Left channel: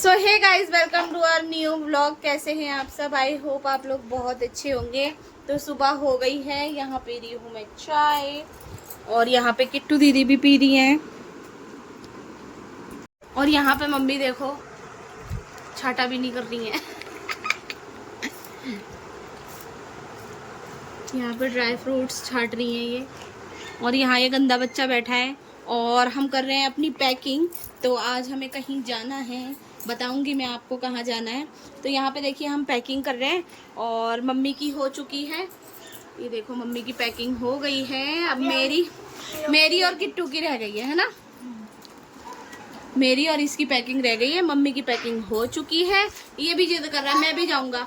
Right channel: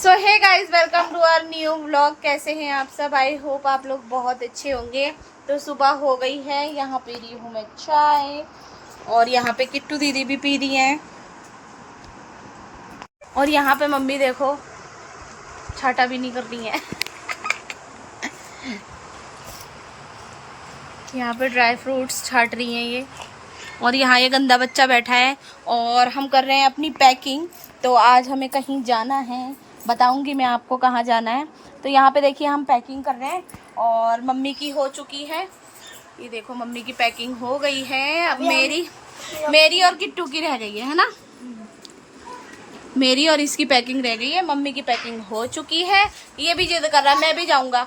So hey guys, welcome to our new vlog. कैसे हैं आप सब? आई होप आप लोग बहुत अच्छे होंगे। तो सुबह हो गई है, यहाँ पी रही हूँ मैं चाय और यहाँ पे किट्टू दीदी भी पी रही हैं। और यहाँ पे मम्मी देखो छाटा भी नहीं कर रही हैं। यहाँ पे ड्राई फ्रूट्स छाट रही हैं ये। और यहाँ ये गंदा बच्चा बैठा है और हम कर रहे हैं अपनी पैकिंग। तो आज हमें कहीं जाना है, बताऊंगी मैं आपको कहाँ जाना है। तो यहाँ पे देखिए हम पैकिंग कर रहे हैं और मम्मी की हो चुकी है। ये देखो मम्मी की पैकिंग हो गई है। अब मेरी और किट्टू की रह गई है ना। मेरी और इसकी पैकिंग रह गई है, मम्मी की पैकिंग हो चुकी है। ये भी जिद कर रहा है मैं भी जाऊँगा।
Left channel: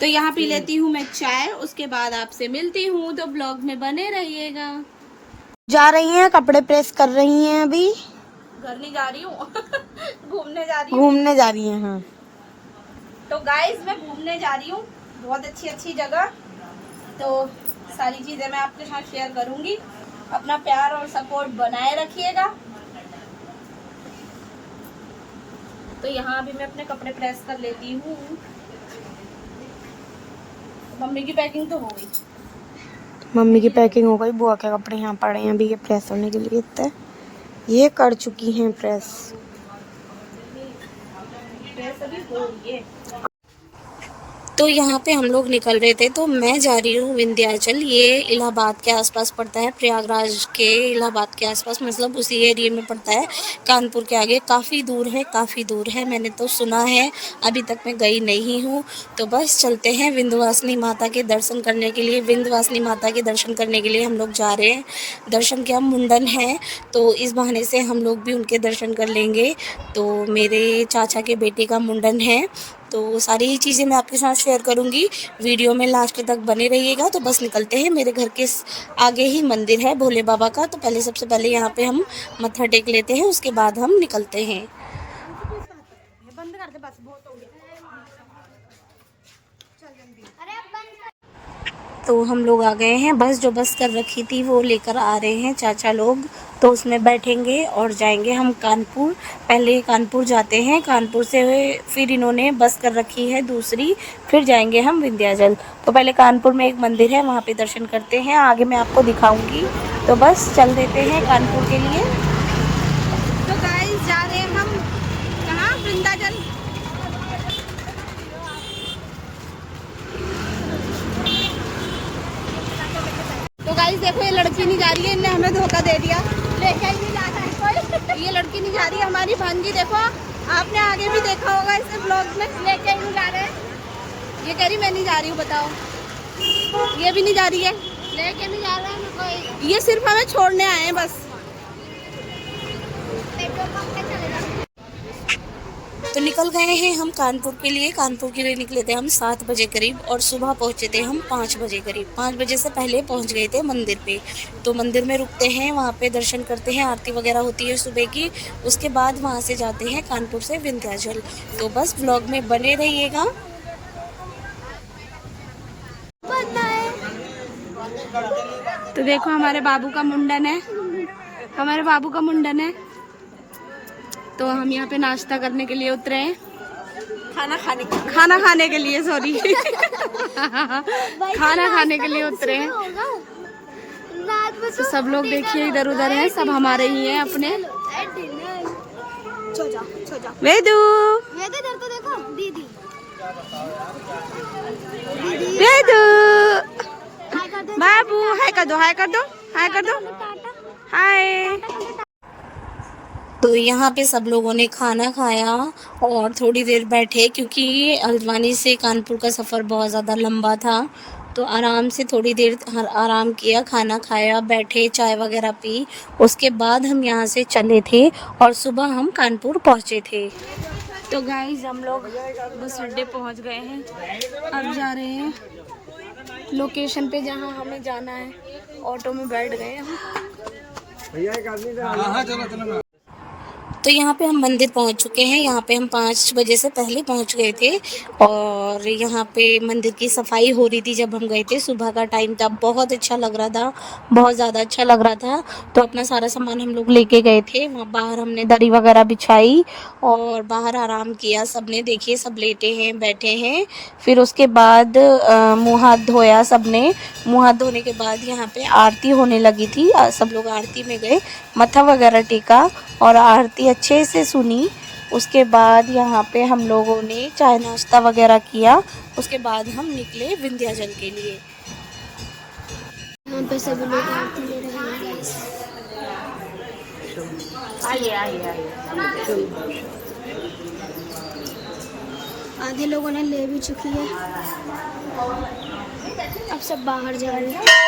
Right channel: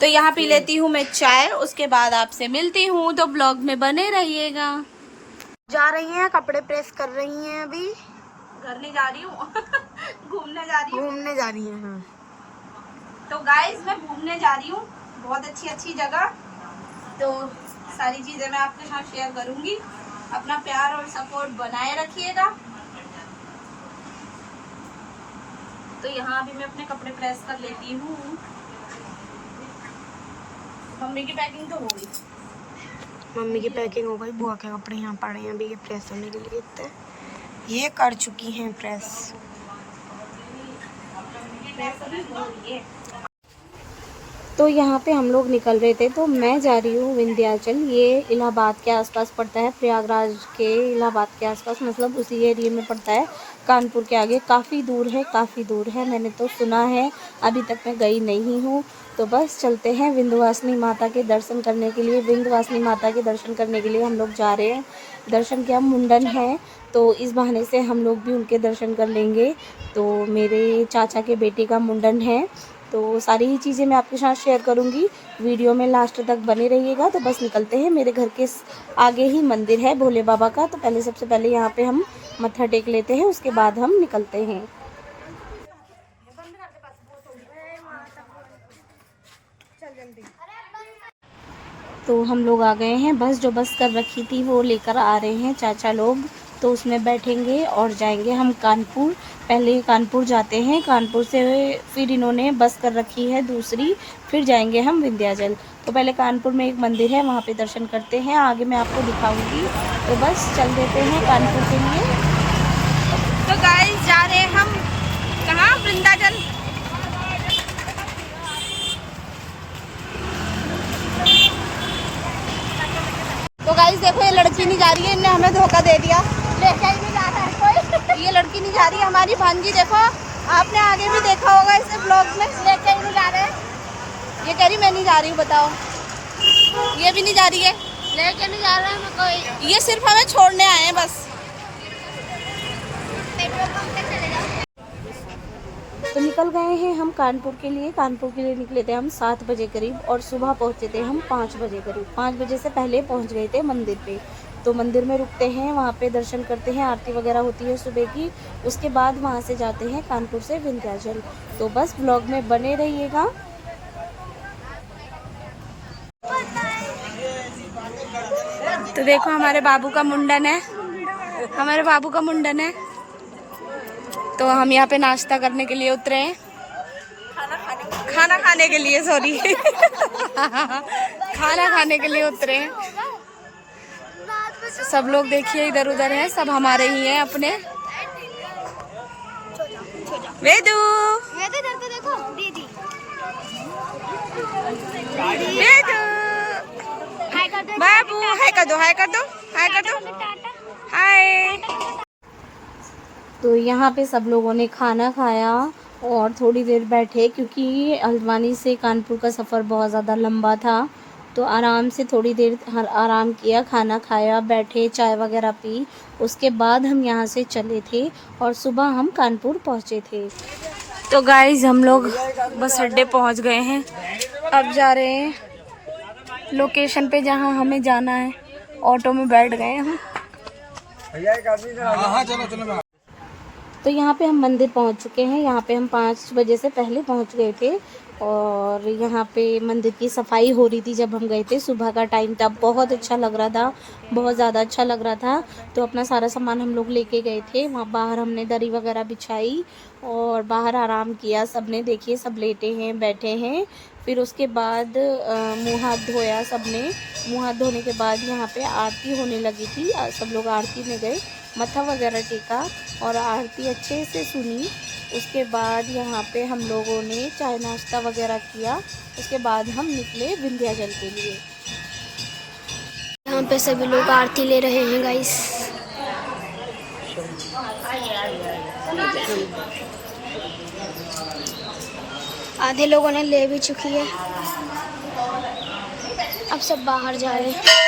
तो यहाँ पी लेती हूँ मैं चाय, उसके बाद आपसे मिलती हूँ। तो ब्लॉग में बने रहिएगा। जा रही हैं, कपड़े प्रेस कर रही हैं। अभी घर नहीं जा रही हूँ घूमने जा रही हूँ। घूमने जा रही हैं। हाँ, तो गाइस मैं घूमने जा रही हूँ, बहुत अच्छी जगह। तो सारी चीजें मैं आपके साथ शेयर करूंगी। अपना प्यार और सपोर्ट बनाए रखिएगा। तो यहाँ अभी मैं अपने कपड़े प्रेस कर लेती हूँ। मम्मी की पैकिंग तो हो गई। मम्मी की पैकिंग हो गई। बुआ के कपड़े यहाँ पड़े हैं अभी, ये प्रेस करने के लिए इतने ये कर चुकी हैं प्रेस अभी हो रही है। तो यहाँ पे हम लोग निकल रहे थे। तो मैं जा रही हूँ विंध्याचल। ये इलाहाबाद के आसपास पड़ता है, प्रयागराज के इलाहाबाद के आसपास, मतलब उसी एरिया में पड़ता है। कानपुर के आगे काफ़ी दूर है। मैंने तो सुना है, अभी तक मैं गई नहीं हूँ। तो बस चलते हैं विंध्यवासिनी माता के दर्शन करने के लिए। विंध्यवासिनी माता के दर्शन करने के लिए हम लोग जा रहे हैं। दर्शन क्या, मुंडन है, तो इस बहाने से हम लोग भी उनके दर्शन कर लेंगे। तो मेरे चाचा के बेटे का मुंडन है। तो सारी ही चीज़ें मैं आपके साथ शेयर करूंगी, वीडियो में लास्ट तक बने रहिएगा। तो बस निकलते हैं। मेरे घर के आगे ही मंदिर है भोले बाबा का। तो सबसे पहले यहाँ पे हम मत्था टेक लेते हैं, उसके बाद हम निकलते हैं। तो हम लोग आ गए हैं। जो बस कर रखी थी वो लेकर आ रहे हैं चाचा लोग। तो उसमें बैठेंगे और जाएंगे हम कानपुर। पहले कानपुर जाते हैं, कानपुर से फिर इन्होंने बस कर रखी है दूसरी, फिर जाएंगे हम विंध्याचल। तो पहले कानपुर में एक मंदिर है, वहाँ पे दर्शन करते हैं, आगे मैं आपको दिखाऊंगी। तो बस चल देते हैं कानपुर के लिए। तो गाइस जा रहे हैं हम कहाँ, विंध्याचल। तो गाइस देखो, ये लड़की नहीं जा रही है, इनने हमें धोखा दे दिया। देखा ही नहीं जा रहा है कोई। ये लड़की नहीं जा रही है हमारी भांजी। देखो आपने आगे भी देखा होगा इसे ब्लॉग में। लेके ही नहीं जा रहे हैं। ये कह रही मैं नहीं जा रही हूँ, बताओ। ये भी नहीं जा रही है, लेके नहीं जा रहा है मैं कोई। ये सिर्फ हमें छोड़ने आए हैं बस। तो निकल गए हैं हम कानपुर के लिए। कानपुर के लिए निकले थे हम 7 बजे करीब और सुबह पहुंचे थे हम 5 बजे करीब। 5 बजे से पहले पहुंच गए थे मंदिर पे। तो मंदिर में रुकते हैं, वहां पे दर्शन करते हैं, आरती वगैरह होती है सुबह की। उसके बाद वहां से जाते हैं कानपुर से विंध्याचल। तो बस व्लॉग में बने रहिएगा। तो देखो हमारे बाबू का मुंडन है, हमारे बाबू का मुंडन है। तो हम यहाँ पे नाश्ता करने के लिए उतरे हैं, खाना खाने के लिए सॉरी खाना खाने के लिए उतरे हैं। तो सब लोग देखिए इधर उधर हैं, सब हमारे ही हैं अपने। वेदू इधर तो देखो, दीदी वेदू, बाबू हाय कर दो, हाय कर दो, हाय कर दो, हाय। तो यहाँ पे सब लोगों ने खाना खाया और थोड़ी देर बैठे, क्योंकि हल्द्वानी से कानपुर का सफ़र बहुत ज़्यादा लंबा था। तो आराम से थोड़ी देर आराम किया, खाना खाया, बैठे, चाय वगैरह पी। उसके बाद हम यहाँ से चले थे और सुबह हम कानपुर पहुँचे थे। तो गाइस हम लोग बस अड्डे पहुँच गए हैं। अब जा रहे हैं लोकेशन पे जहाँ हमें जाना है। ऑटो में बैठ गए हम। भैया एक आदमी चलो। तो यहाँ पे हम मंदिर पहुँच चुके हैं। यहाँ पे हम 5 बजे से पहले पहुँच गए थे और यहाँ पे मंदिर की सफाई हो रही थी जब हम गए थे। सुबह का टाइम था, बहुत अच्छा लग रहा था, बहुत ज़्यादा अच्छा लग रहा था। तो अपना सारा सामान हम लोग लेके गए थे। वहाँ बाहर हमने दरी वगैरह बिछाई और बाहर आराम किया सबने। देखिए सब लेटे हैं, बैठे हैं। फिर उसके बाद मुँह हाथ धोया सबने। मुँह हाथ धोने के बाद यहाँ पे आरती होने लगी थी। सब लोग आरती में गए, मत्था वगैरह टेका और आरती अच्छे से सुनी। उसके बाद यहाँ पे हम लोगों ने चाय नाश्ता वगैरह किया। उसके बाद हम निकले विंध्याचल के लिए। यहाँ पे सभी लोग आरती ले रहे हैं गाइस। आधे लोगों ने ले भी चुकी है, अब सब बाहर जा रहे हैं।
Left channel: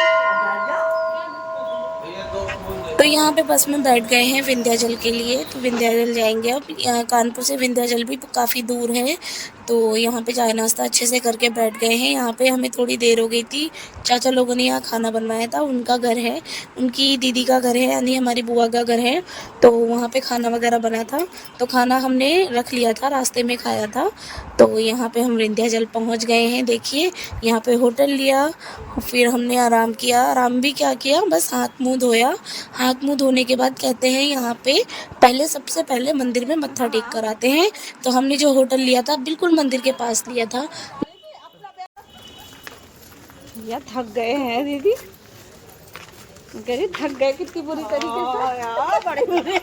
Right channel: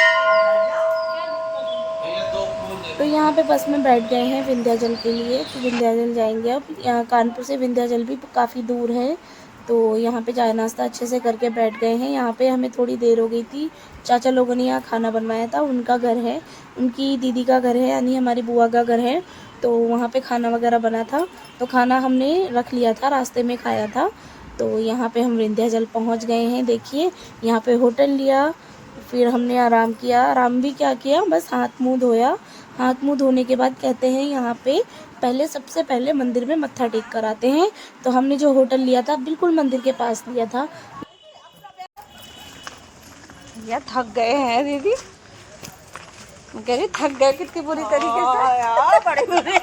तो यहाँ पे बस में बैठ गए हैं विंध्याचल के लिए। तो विंध्याचल जाएंगे अब। कानपुर से विंध्याचल भी काफ़ी दूर है। तो यहाँ पे चाय नाश्ता अच्छे से करके बैठ गए हैं। यहाँ पे हमें थोड़ी देर हो गई थी। चाचा लोगों ने यहाँ खाना बनवाया था, उनका घर है, उनकी दीदी का घर है, यानी हमारी बुआ का घर है। तो वहाँ पे खाना वगैरह बना था, तो खाना हमने रख लिया था, रास्ते में खाया था। तो यहाँ पे हम विंध्याचल पहुँच गए हैं। देखिए यहाँ पे होटल लिया, फिर हमने आराम किया। आराम भी क्या किया, बस हाथ मुंह धोया। हाथ मुंह धोने के बाद कहते हैं यहाँ पे पहले सबसे पहले मंदिर में मत्था टेक कर आते हैं। तो हमने जो होटल लिया था बिल्कुल मंदिर के पास लिया था। यार थक गए हैं दीदी, कह रही थक गए कितनी बुरी तरीके से यार, बड़ी बुरी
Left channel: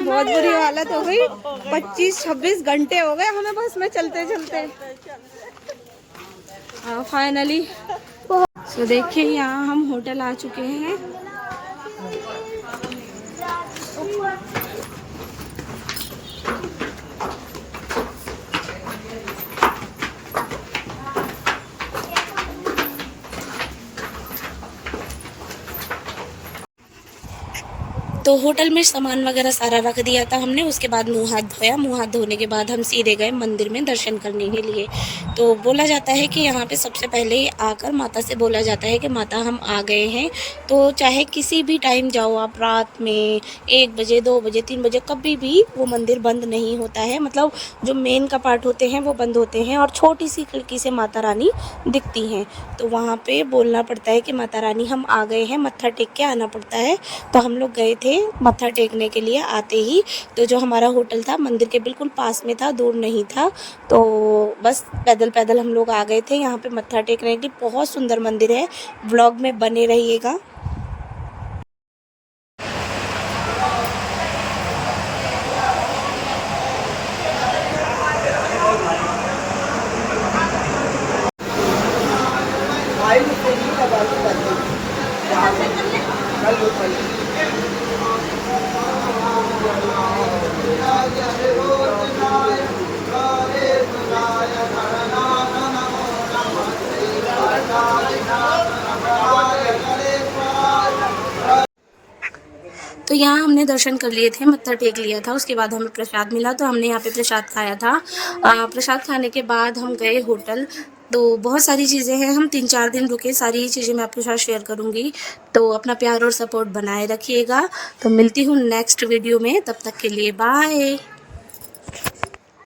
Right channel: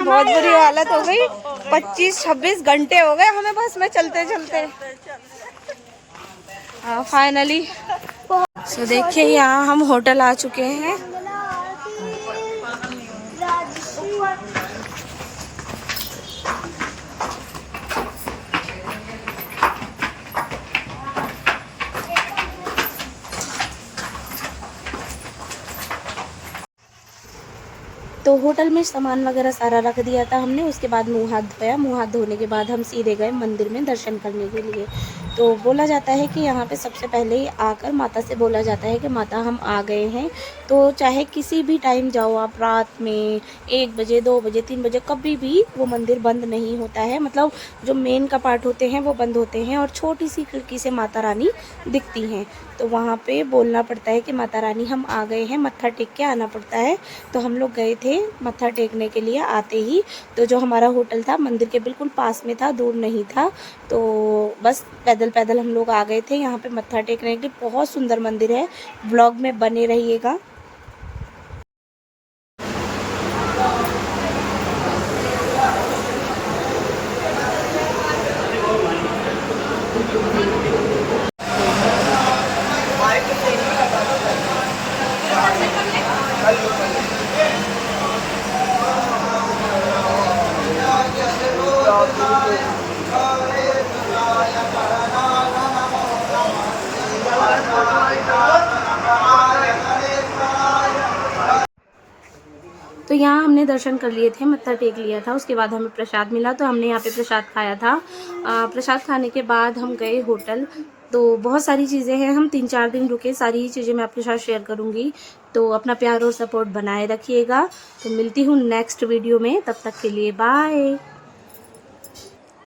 बहुत बुरी हालत हो गई। 25-26 घंटे हो गए हमें बस में चलते चलते। फाइनली तो देखिए यहाँ हम होटल आ चुके हैं। तो होटल में सामान वगैरह सारा रख दिया था हमने। उसके बाद मुंह हाथ धोया। मुंह हाथ धोने के बाद हम सीधे गए मंदिर में दर्शन करने के लिए। तो बोला जाता है कि यहाँ पे सबसे पहले आकर माता से बोला जाता है कि माता हम आ गए हैं। तो चाहे किसी भी टाइम जाओ आप, रात में 1 बजे 2 बजे 3 बजे, कभी भी वो मंदिर बंद नहीं होता है। मतलब जो मेन कपाट होते हैं वो बंद होते हैं और छोटी सी खिड़की से माता रानी दिखती हैं। तो वहाँ पे बोलना पड़ता है कि माता रानी हम आ गए हैं, मत्था टेक के आना पड़ता है। तो हम लोग गए थे मत्था टेकने के लिए आते ही। तो जो हमारा होटल था मंदिर के बिल्कुल पास में था, दूर नहीं था। तो बस पैदल पैदल हम लोग आ गए थे यहाँ पे मत्था टेकने के लिए। बहुत सुंदर मंदिर है, व्लॉग में बने रहिएगा। तो यहाँ हमने दर्शन कर लिए थे, मत्था टेक लिया था। उसके बाद हमें प्रसाद मिला, तो हमने यहाँ पे प्रसाद खाया था। प्रसाद खाने के बाद हम गए होटल। तो बहुत सारी चीज़ें हैं, हम 3-4 दिन रुके। सारी चीज़ें मैं आपके साथ शेयर करूँगी। तो अपना प्यार और सपोर्ट बनाए रखिएगा। तो मिलती हूँ नेक्स्ट वीडियो में, तब तक के लिए बाय।